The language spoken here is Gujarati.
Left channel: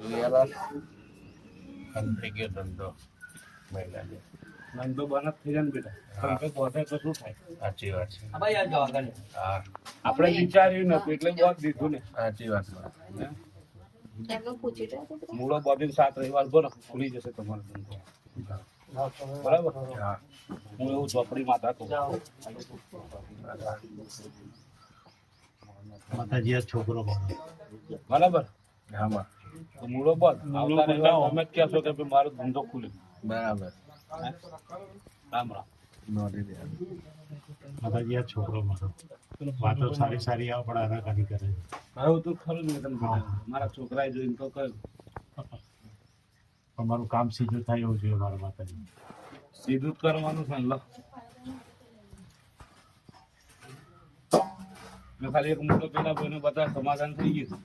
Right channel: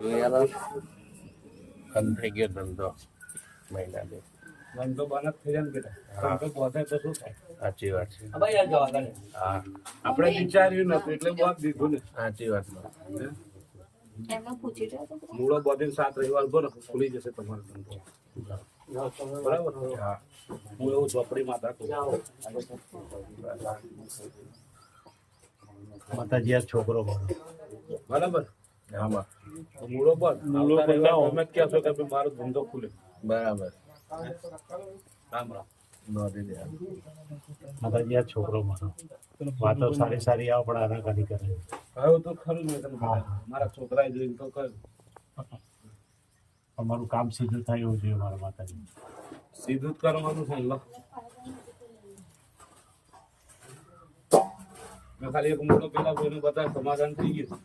થઈ ગયો ધંધો મહિલાને ધંધો બંધ થઈ જાય ને બેટા ધંધો વધે તો શું થાય? સાચી વાત છે. હા આપણે વિચાર્યું નતું એટલે બહુ દીધું ને. સાચી વાત મૂળો બધીને 7 રવિવાર ભરો ખુલી જશે તમારો ધંધો. બરાબર. હા હું એવું ઝોપડી માતા કહું. માતાજી આ છોકરો બરાબર. આમાં મૂળો બંધ આવતા રવિવાર તમે જ કહેશો કે ભાઈ મારો ધંધો ખુલે. બરાબર રામ રામ. નોંધી લે. માતાજી આ છોકરો મારો વાતો સારી સારી આવે પણ આના કાઢી કરે હવે તો ખરું ને તને મારા છોકરાએ જોઈને તો કહ્યું અમારું કામ સીધું થાય એવું જોઈએ મારા માતાજી. સીધું જ કરવાનું છે ને. મેં ખાલી એક મોટો પેલા ભાઈને બતાવે સમાધાન થઈ ગયું.